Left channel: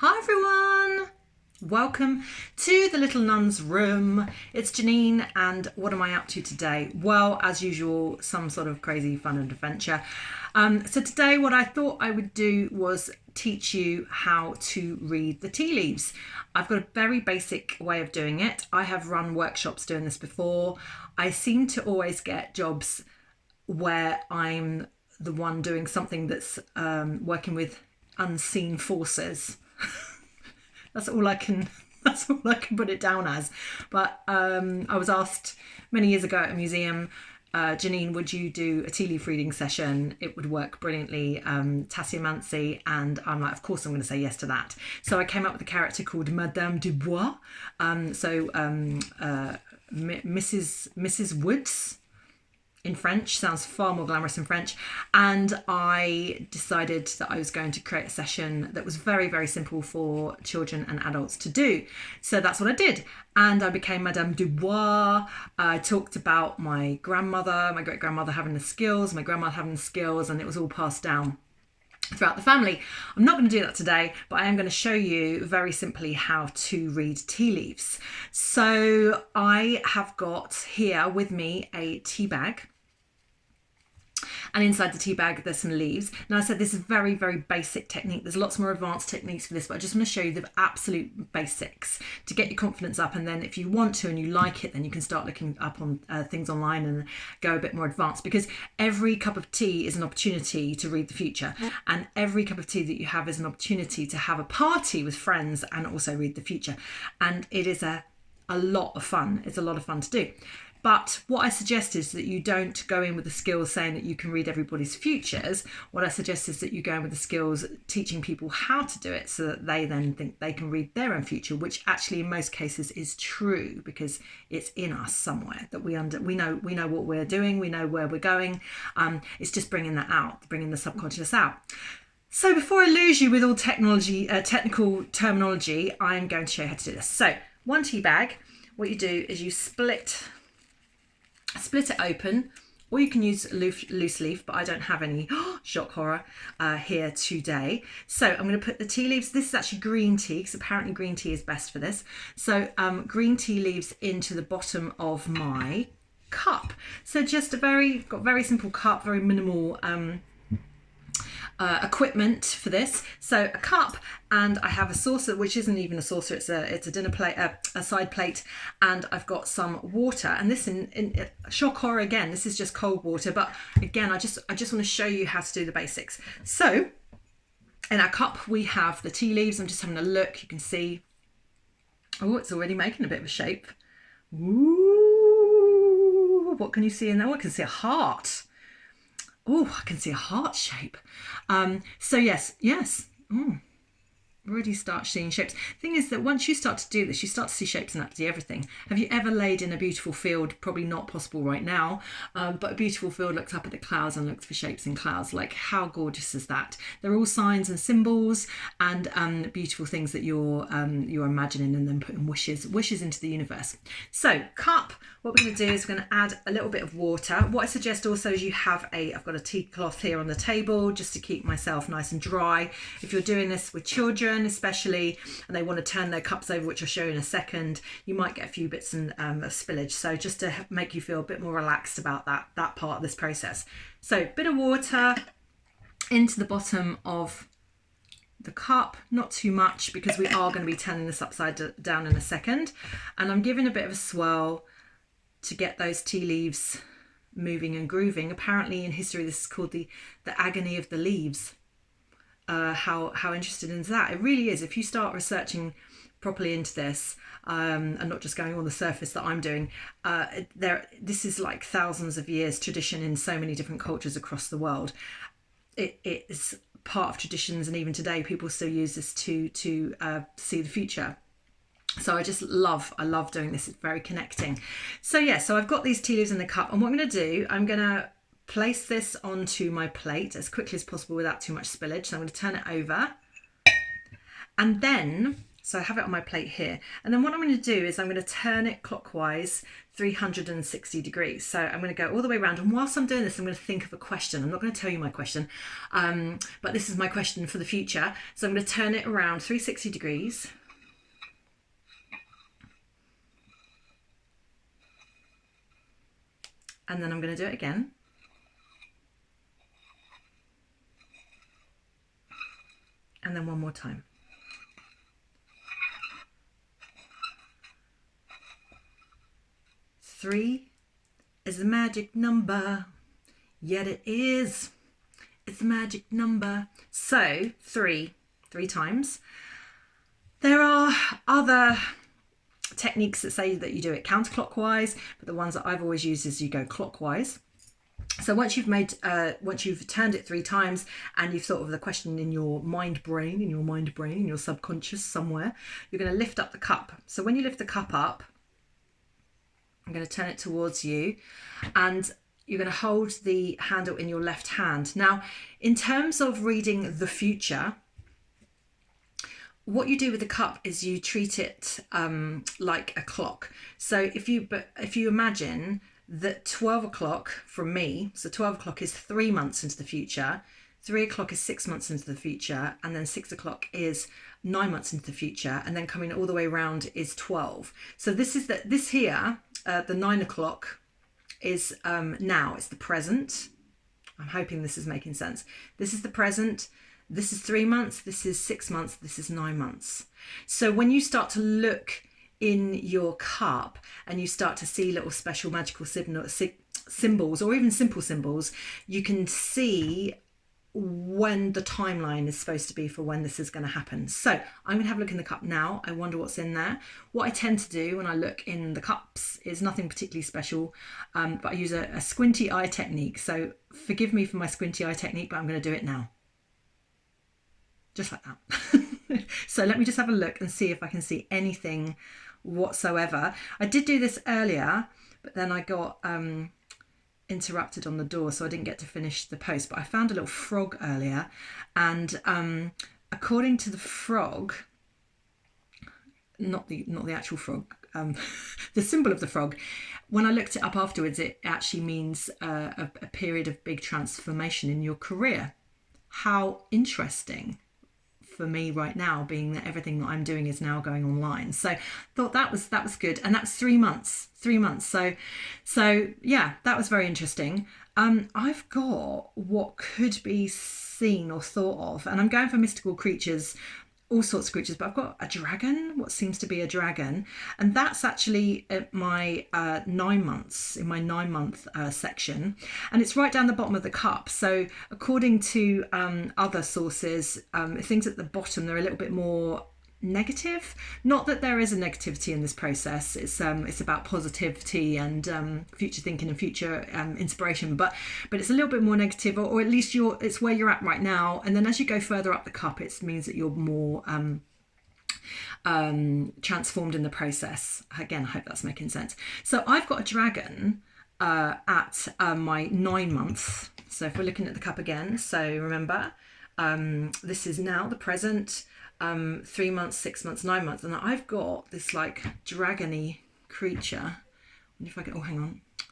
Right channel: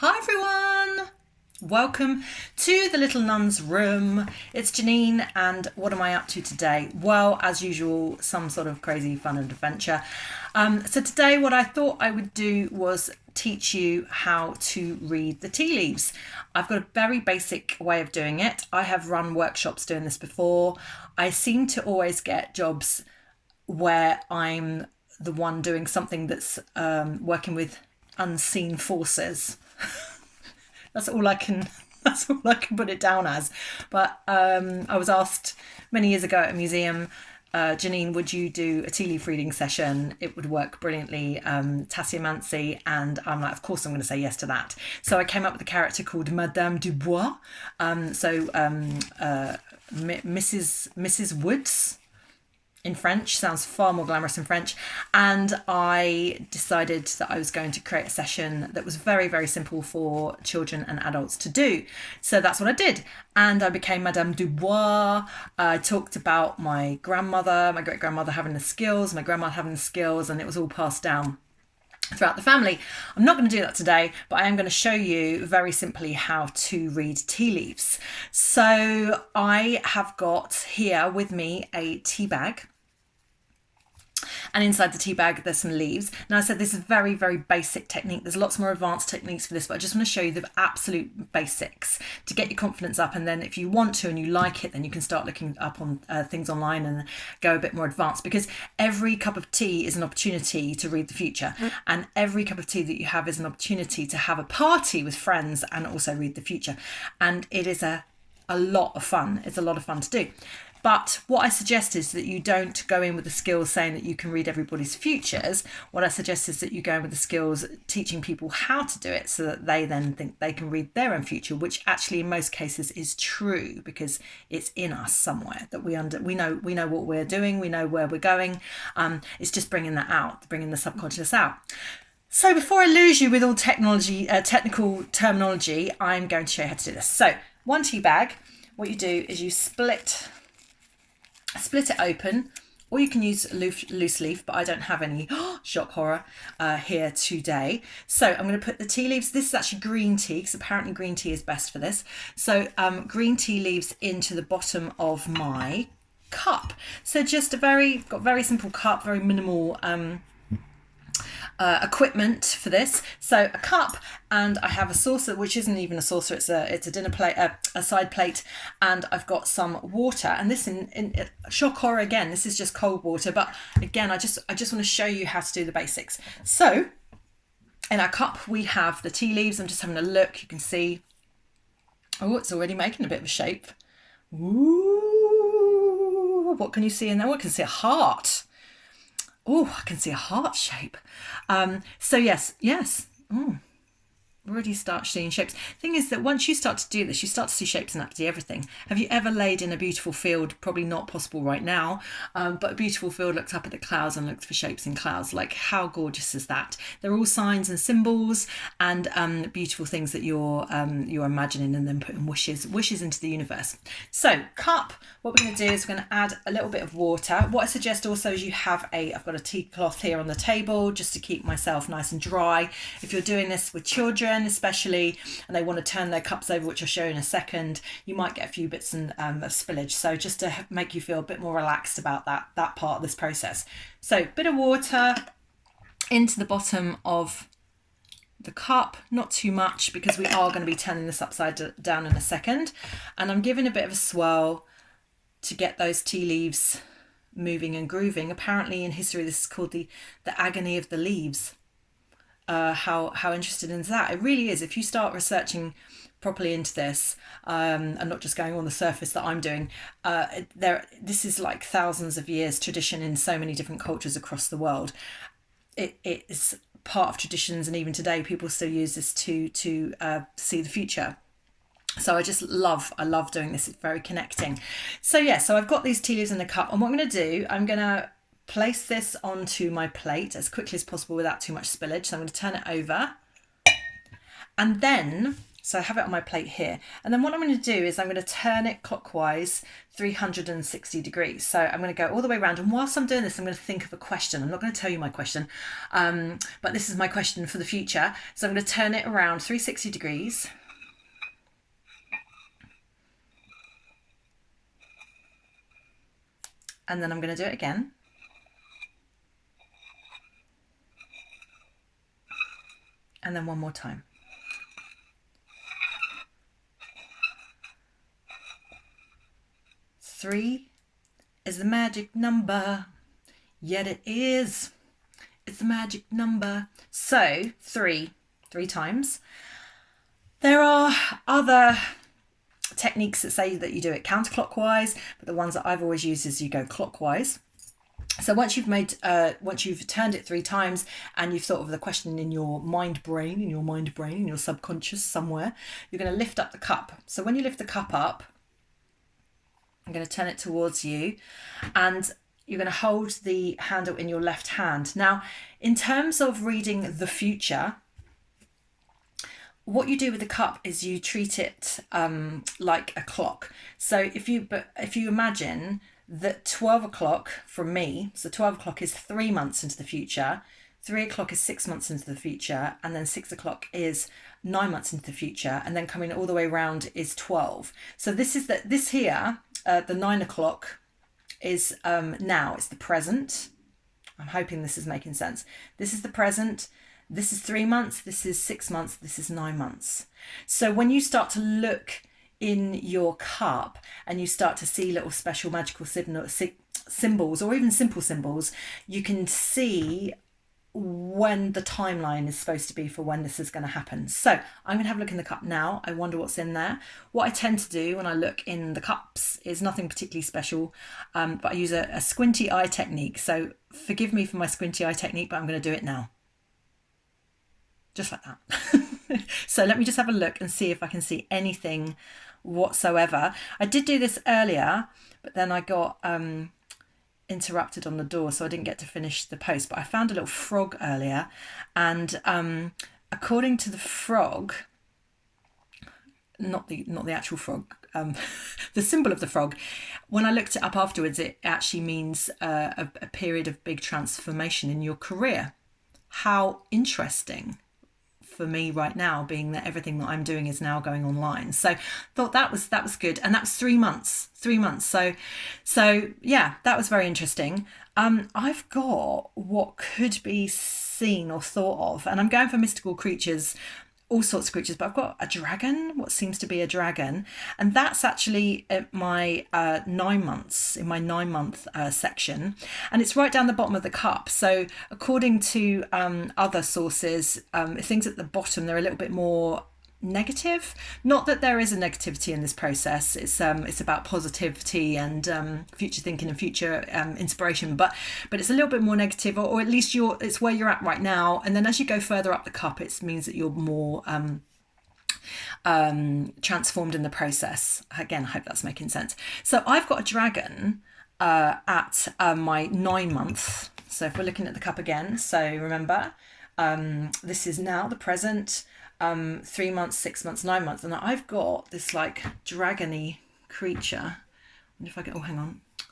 Hi everyone! Welcome to the Little Nun's Room. It's Janine, and what am I up to today? Well, as usual, some sort of crazy fun and adventure. So today what I thought I would do was teach you how to read the tea leaves. I've got a very basic way of doing it. I have run workshops doing this before. I seem to always get jobs where I'm the one doing something that's working with unseen forces. That's all I can put it down as. But I was asked many years ago at a museum, Janine, would you do a tea leaf reading session? It would work brilliantly, Tasseography, and I'm like, of course I'm going to say yes to that. So I came up with a character called Madame Dubois, Mrs. Woods. In French, sounds far more glamorous in French, and I decided that I was going to create a session that was very, very simple for children and adults to do. So that's what I did, and I became Madame Dubois. I talked about my grandmother, my great-grandmother having the skills, my grandmother having the skills, and it was all passed down throughout the family. I'm not going to do that today, but I am going to show you very simply how to read tea leaves. So I have got here with me a tea bag, and inside the tea bag there's some leaves. Now I said this is very, very basic technique. There's lots more advanced techniques for this, but I just want to show you the absolute basics to get your confidence up, and then if you want to and you like it, then you can start looking up on things online and go a bit more advanced, because every cup of tea is an opportunity to read the future, and every cup of tea that you have is an opportunity to have a party with friends and also read the future, and it is a lot of fun. It's a lot of fun to do. But what I suggest is that you don't go in with the skills saying that you can read everybody's futures. What I suggest is that you go in with the skills teaching people how to do it, so that they then think they can read their own future, which actually in most cases is true, because it's in us somewhere that we know what we're doing, we know where we're going. It's just bringing that out, bringing the subconscious out. So before I lose you with all technical terminology, I'm going to show you how to do this. So one tea bag, what you do is you split it open, or you can use loose leaf, but I don't have any, shock horror, here today. So I'm going to put the tea leaves, this is actually green tea, because apparently green tea is best for this. So green tea leaves into the bottom of my cup. So just got very simple cup, very minimal equipment for this. So a cup, and I have a saucer, which isn't even a saucer, it's a dinner plate, a side plate, and I've got some water, and this in shock horror again, this is just cold water, but again I just want to show you how to do the basics. So in our cup we have the tea leaves. I'm just having a look, you can see, oh, it's already making a bit of a shape. Ooh, what can you see in there? Oh, I can see a heart. Oh, I can see a heart shape. So yes. Already start seeing shapes. Thing is that once you start to do this, you start to see shapes in absolutely everything. Have you ever laid in a beautiful field? Probably not possible right now, but a beautiful field, looked up at the clouds and looked for shapes in clouds. Like, how gorgeous is that? They're all signs and symbols, and beautiful things that you're imagining and then putting wishes into the universe. So cup, what we're going to do is we're going to add a little bit of water. What I suggest also is you have I've got a tea cloth here on the table just to keep myself nice and dry. If you're doing this with children especially, and they want to turn their cups over, which I'll show you in a second, you might get a few bits of spillage. So just to make you feel a bit more relaxed about that part of this process. So a bit of water into the bottom of the cup, not too much, because we are going to be turning this upside down in a second, and I'm giving a bit of a swirl to get those tea leaves moving and grooving. Apparently in history this is called the agony of the leaves. How interesting is that? It really is. If you start researching properly into this, and not just going on the surface that I'm doing, this is like thousands of years tradition in so many different cultures across the world. It is part of traditions, and even today people still use this to see the future. So I love doing this. It's very connecting. So yeah, so I've got these tea leaves in the cup, and what I'm going to do, I'm going to place this onto my plate as quickly as possible without too much spillage. So I'm going to turn it over, and then So I have it on my plate here. And then what I'm going to do is I'm going to turn it clockwise 360 degrees. So I'm going to go all the way around. And whilst I'm doing this, I'm going to think of a question. I'm not going to tell you my question, but this is my question for the future. So I'm going to turn it around 360 degrees. And then I'm going to do it again. And then one more time. 3 is the magic number, yet it is. It's the magic number. So 3 times. There are other techniques that say that you do it counterclockwise, but the ones that I've always used is you go clockwise. So once you've turned it 3 times and you've thought of the question in your mind brain, in your subconscious somewhere, you're going to lift up the cup. So when you lift the cup up, I'm going to turn it towards you and you're going to hold the handle in your left hand. Now, in terms of reading the future, what you do with the cup is you treat it like a clock. So if you imagine that 12 o'clock from me, so 12 o'clock is 3 months into the future, 3 o'clock is 6 months into the future, and then 6 o'clock is 9 months into the future, and then coming all the way around is 12. So this here, the 9 o'clock is now, it's the present. I'm hoping this is making sense. This is the present. This is 3 months. This is 6 months. This is 9 months. So when you start to look in your cup and you start to see little special magical symbols or even simple symbols, you can see when the timeline is supposed to be for when this is going to happen. So I'm going to have a look in the cup now. I wonder what's in there. What I tend to do when I look in the cups is nothing particularly special, but I use a squinty eye technique. So forgive me for my squinty eye technique, but I'm going to do it now. Just like that. So let me just have a look and see if I can see anything whatsoever. I did do this earlier, but then I got interrupted on the door, so I didn't get to finish the post. But I found a little frog earlier, and according to the frog, not the actual frog, the symbol of the frog, when I looked it up afterwards, it actually means a period of big transformation in your career. How interesting for me right now, being that everything that I'm doing is now going online. So thought that was good. And that's 3 months. So yeah, that was very interesting. I've got what could be seen or thought of, and I'm going for mystical creatures, all sorts of creatures, but I've got a dragon, what seems to be a dragon, and that's actually at my 9 months, in my 9-month section, and it's right down the bottom of the cup. So according to other sources, things at the bottom, they're a little bit more negative. Not that there is a negativity in this process. It's about positivity and future thinking and future inspiration, but it's a little bit more negative, or at least it's where you're at right now. And then as you go further up the cup, it means that you're more transformed in the process. Again, I hope that's making sense. So I've got a dragon at my 9 months. So if we're looking at the cup again, so remember, this is now the present. 3 months, 6 months, 9 months, and I've got this like dragony creature. I wonder if I can. Oh, hang on. I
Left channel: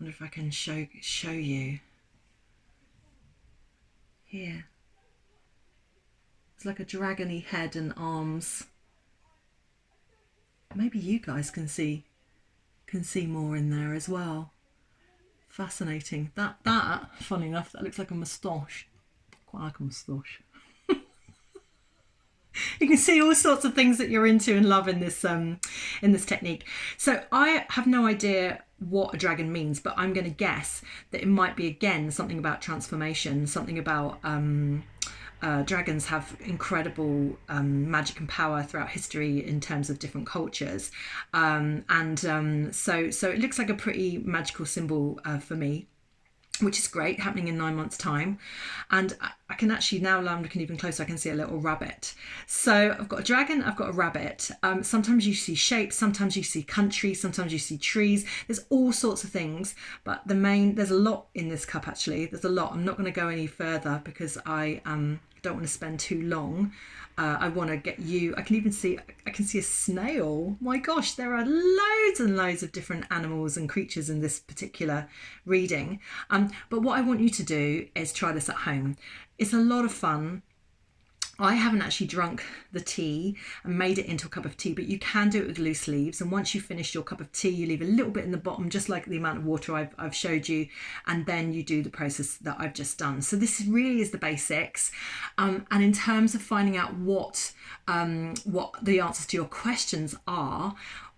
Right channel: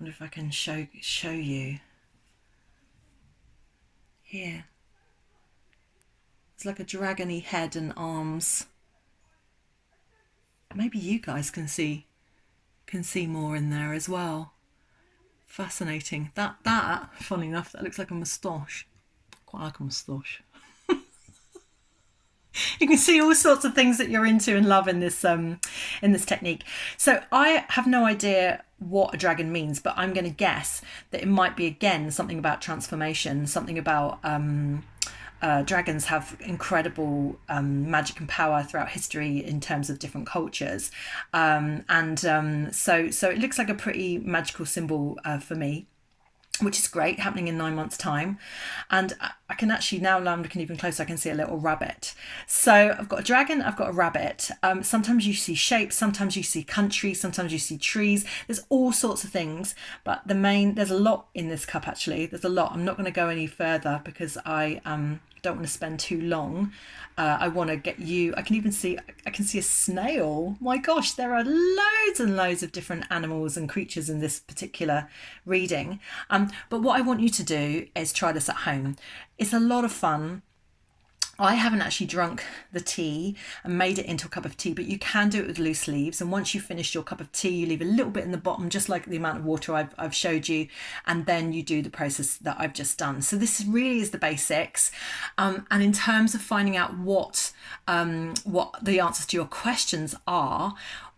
wonder if I can show you. Here. It's like a dragony head and arms. Maybe you guys can see more in there as well. Fascinating. That funny enough, that looks like a moustache. Quite like a moustache. You can see all sorts of things that you're into and love in this technique. So I have no idea what a dragon means, but I'm going to guess that it might be, again, something about transformation, something about dragons have incredible magic and power throughout history in terms of different cultures. So it looks like a pretty magical symbol for me, which is great, happening in 9 months' time. And I can actually, now I'm looking even closer, I can see a little rabbit. So I've got a dragon, I've got a rabbit. Sometimes you see shapes, sometimes you see country, sometimes you see trees. There's all sorts of things, but there's a lot in this cup actually. There's a lot. I'm not going to go any further because I don't don't want to spend too long. I want to get you, I can see a snail. My gosh, there are loads and loads of different animals and creatures in this particular reading. But what I want you to do is try this at home. It's a lot of fun. I haven't actually drunk the tea and made it into a cup of tea, but you can do it with loose leaves. And once you've finished your cup of tea, you leave a little bit in the bottom, just like the amount of water I've showed you. And then you do the process that I've just done. So this really is the basics. And in terms of finding out what the answers to your questions are,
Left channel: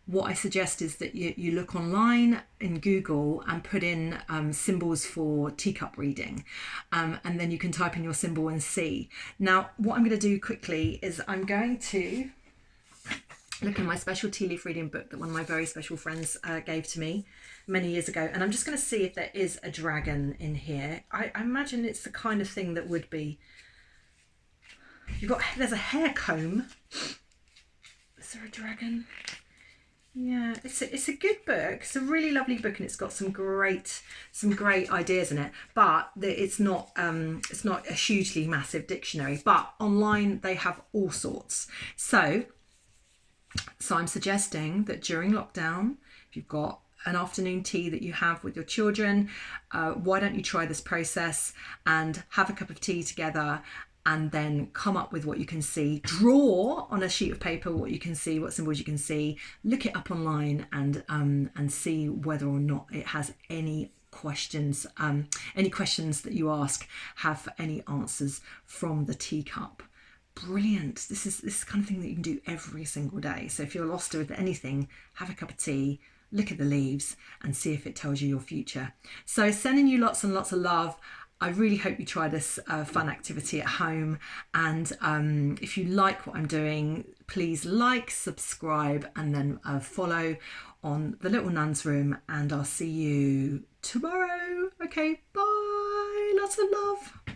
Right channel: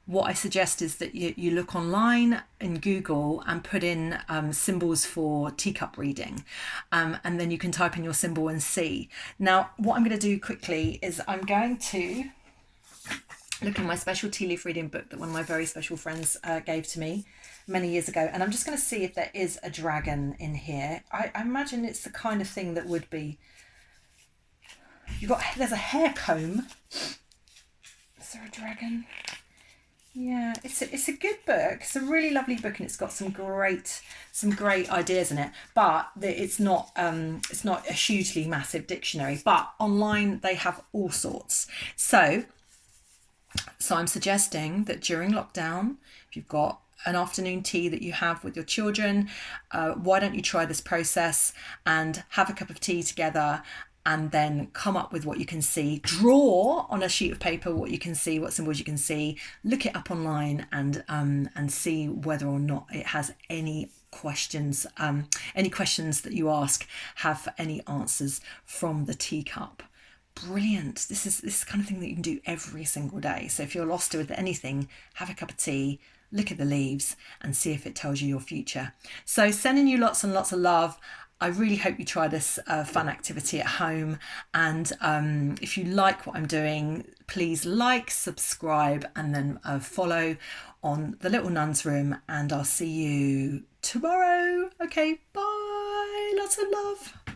what I suggest is that you look online in Google and put in symbols for teacup reading, and then you can type in your symbol and see. Now, what I'm going to do quickly is I'm going to look in my special tea leaf reading book that one of my very special friends gave to me many years ago, and I'm just going to see if there is a dragon in here. I imagine it's the kind of thing that would be. There's a hair comb. Is there a dragon? Yeah, it's a good book. It's a really lovely book, and it's got some great ideas in it. But it's not a hugely massive dictionary. But online they have all sorts. So I'm suggesting that during lockdown, if you've got an afternoon tea that you have with your children, why don't you try this process and have a cup of tea together? And then come up with what you can see. Draw on a sheet of paper what you can see, what symbols you can see. Look it up online and see whether or not it has any questions. Any questions that you ask have any answers from the teacup. Brilliant. This is kind of thing that you can do every single day. So if you're lost with anything, have a cup of tea, look at the leaves and see if it tells you your future. So sending you lots and lots of love. I really hope you try this fun activity at home. And if you like what I'm doing, please like, subscribe, and then follow on the Little Nun's Room. And I'll see you tomorrow. Okay, bye. Lots of love.